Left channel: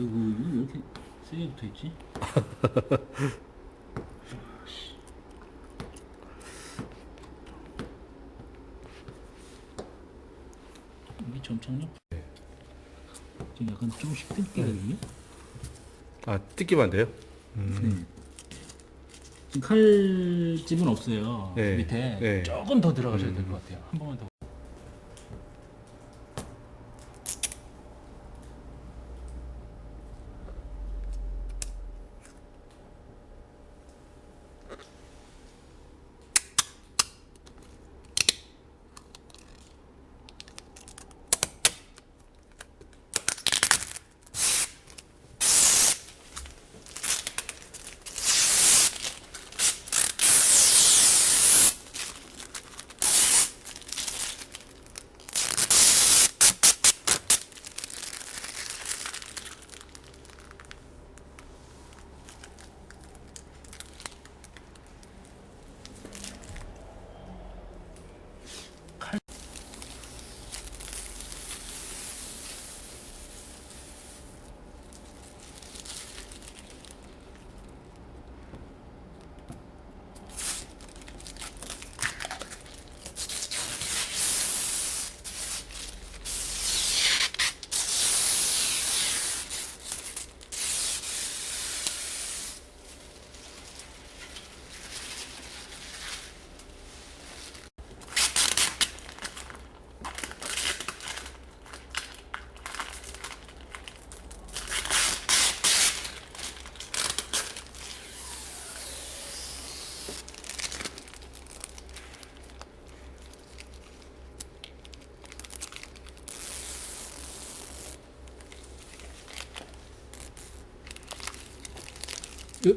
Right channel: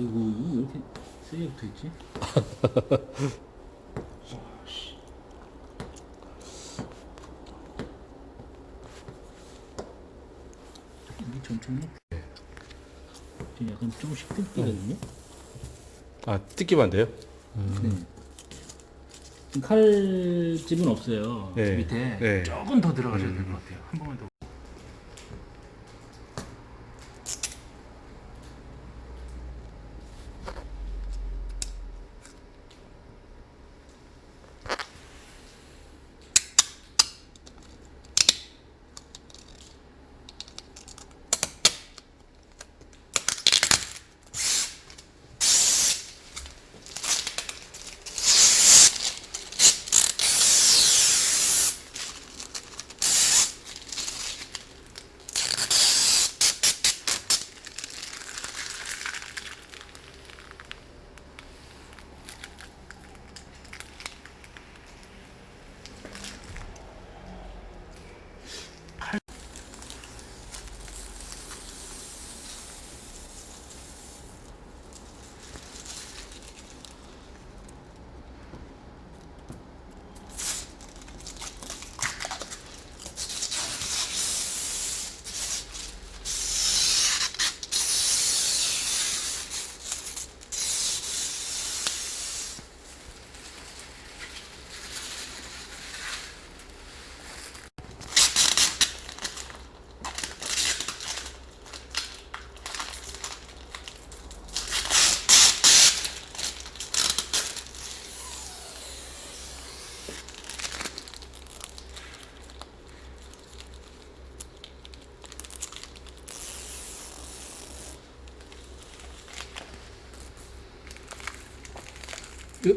아이고 이거 왜 이렇게 세게 붙어 있지? 여기 점점 지금 약간 조금씩 뜯기거든요. 아, 뜯기면 안 돼요? 네. 지금 칼집은 없어요. 네. 밑에 네. 조금 더 들어가셔도 될 것 같아요. 한 번만 더.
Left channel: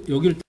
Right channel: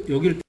여기를